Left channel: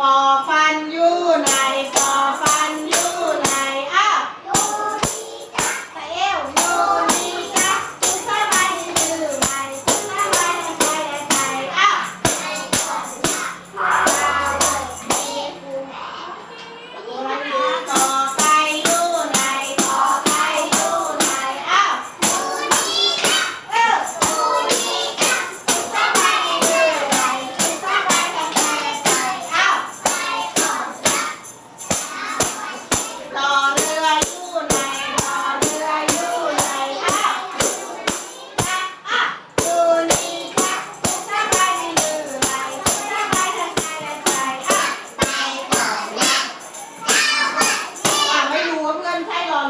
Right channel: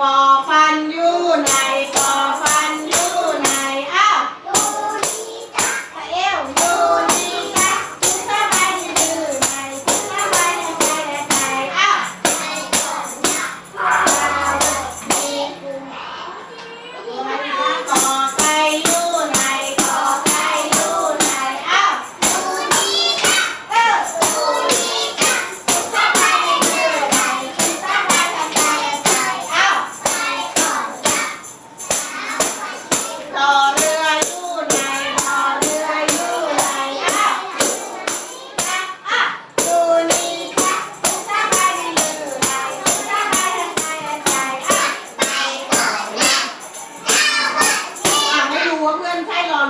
ฟอฟันยู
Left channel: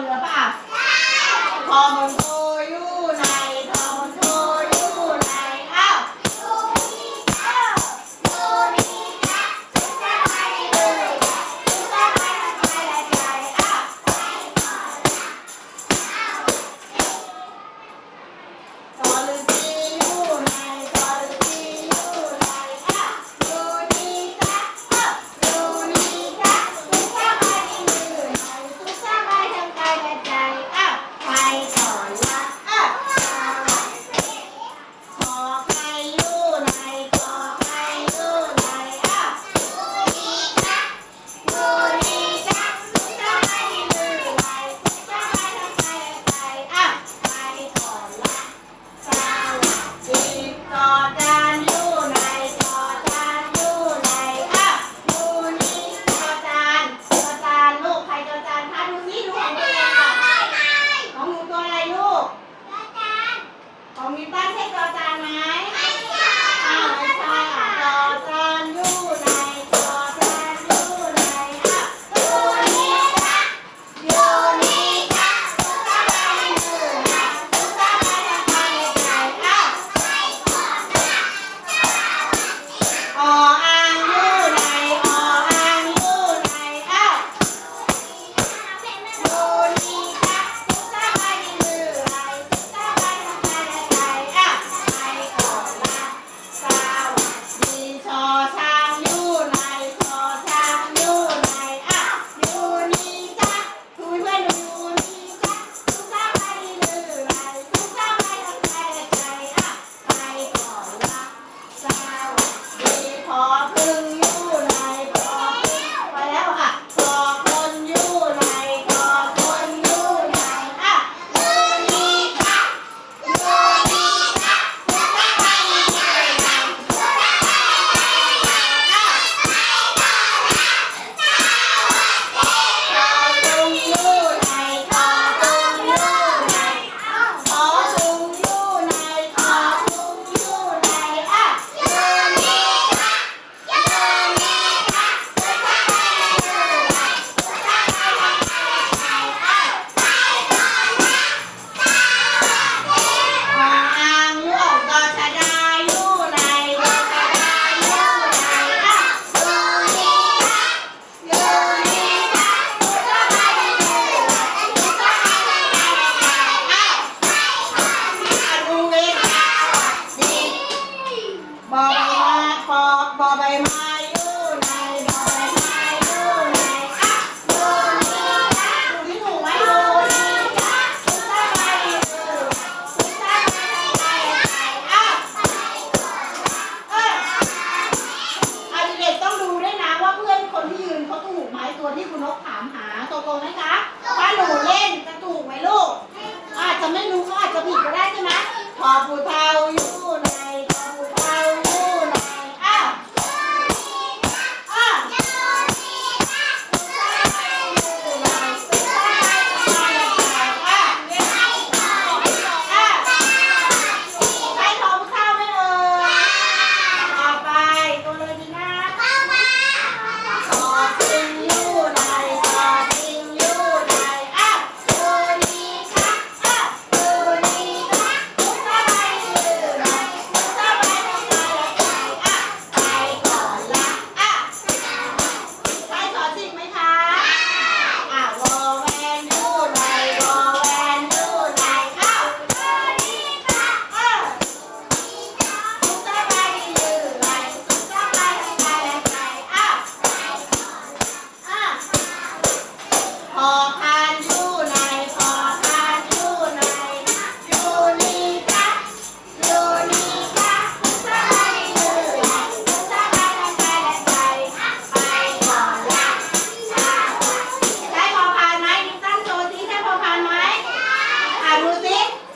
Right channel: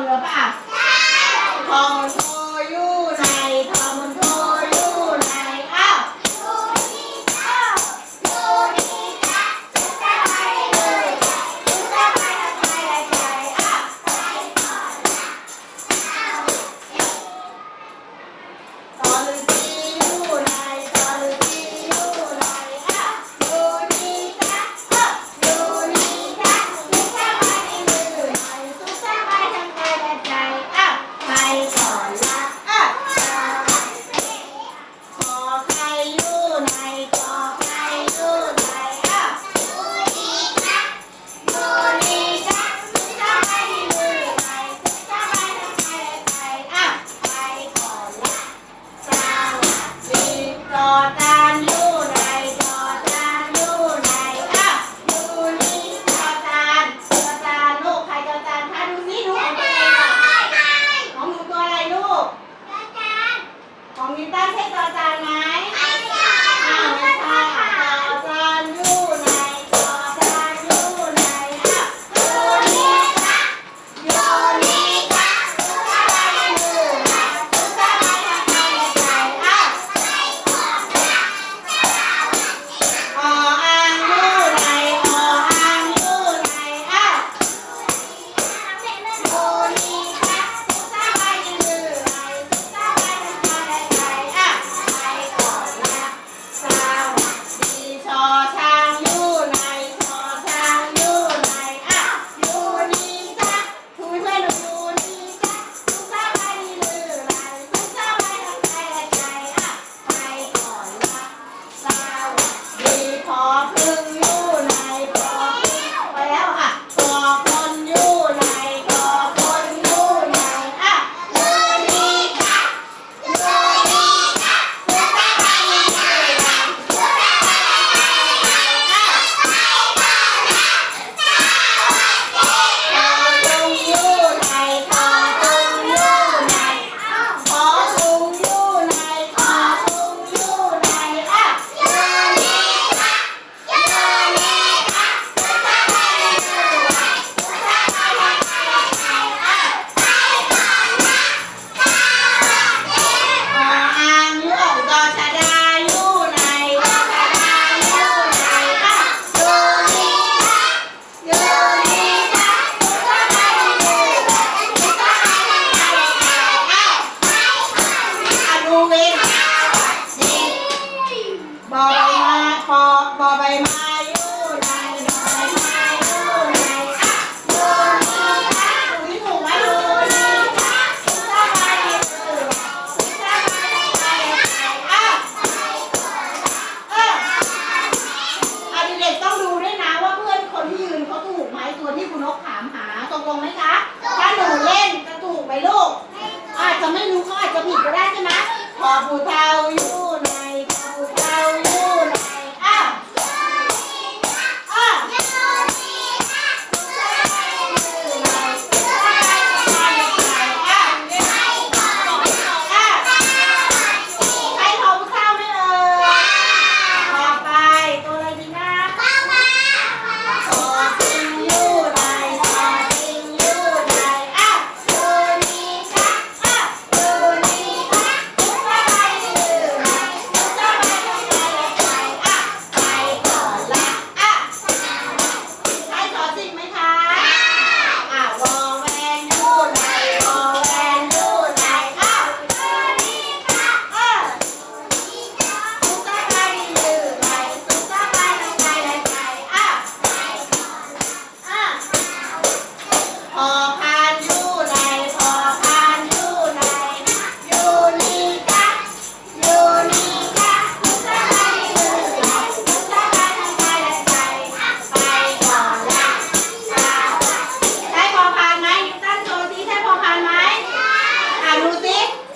Enggak, บอใบไม้อยู่ในบอใบไม้อยู่ในอะโบนีอะถูกที่ถูกไหมโบนีอะสุดท้ายคือสุดท้ายไปไปอะเอออะเด็กๆต้องดูด้วยนะว่าเพื่อนคนที่ยืนเขาถูกไหมตัวที่คุณนกถามหาตกลงไหมคะถ้าหนูเล่นจะถูกไหมลูกอาจจะไม่รู้ก็อาจจะผิดก็ได้ใช่ไหมขอปูเทาอยู่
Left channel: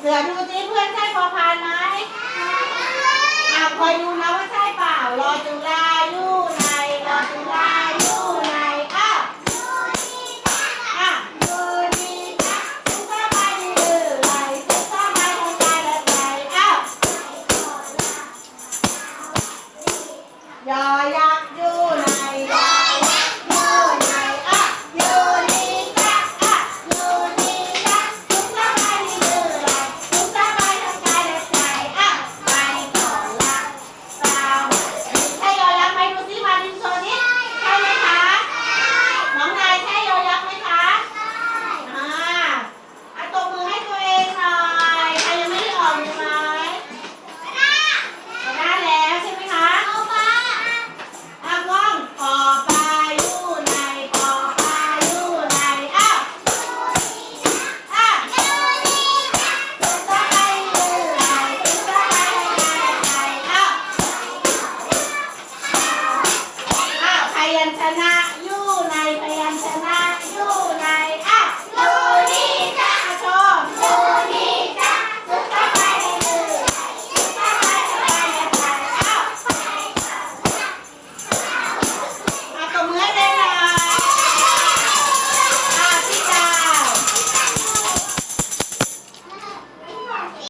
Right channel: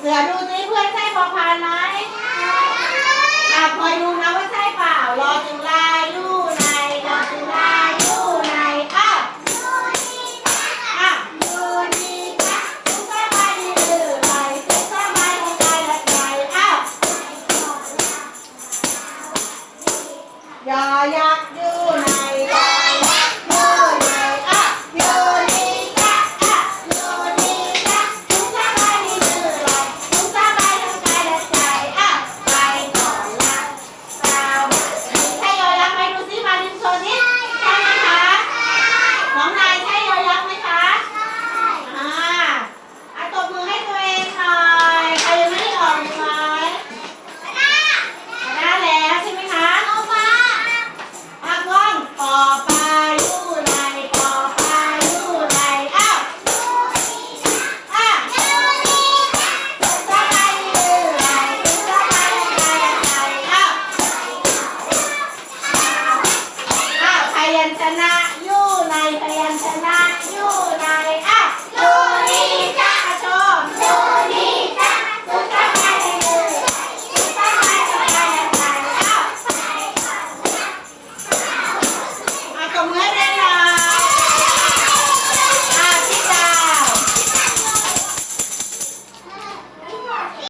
Claro,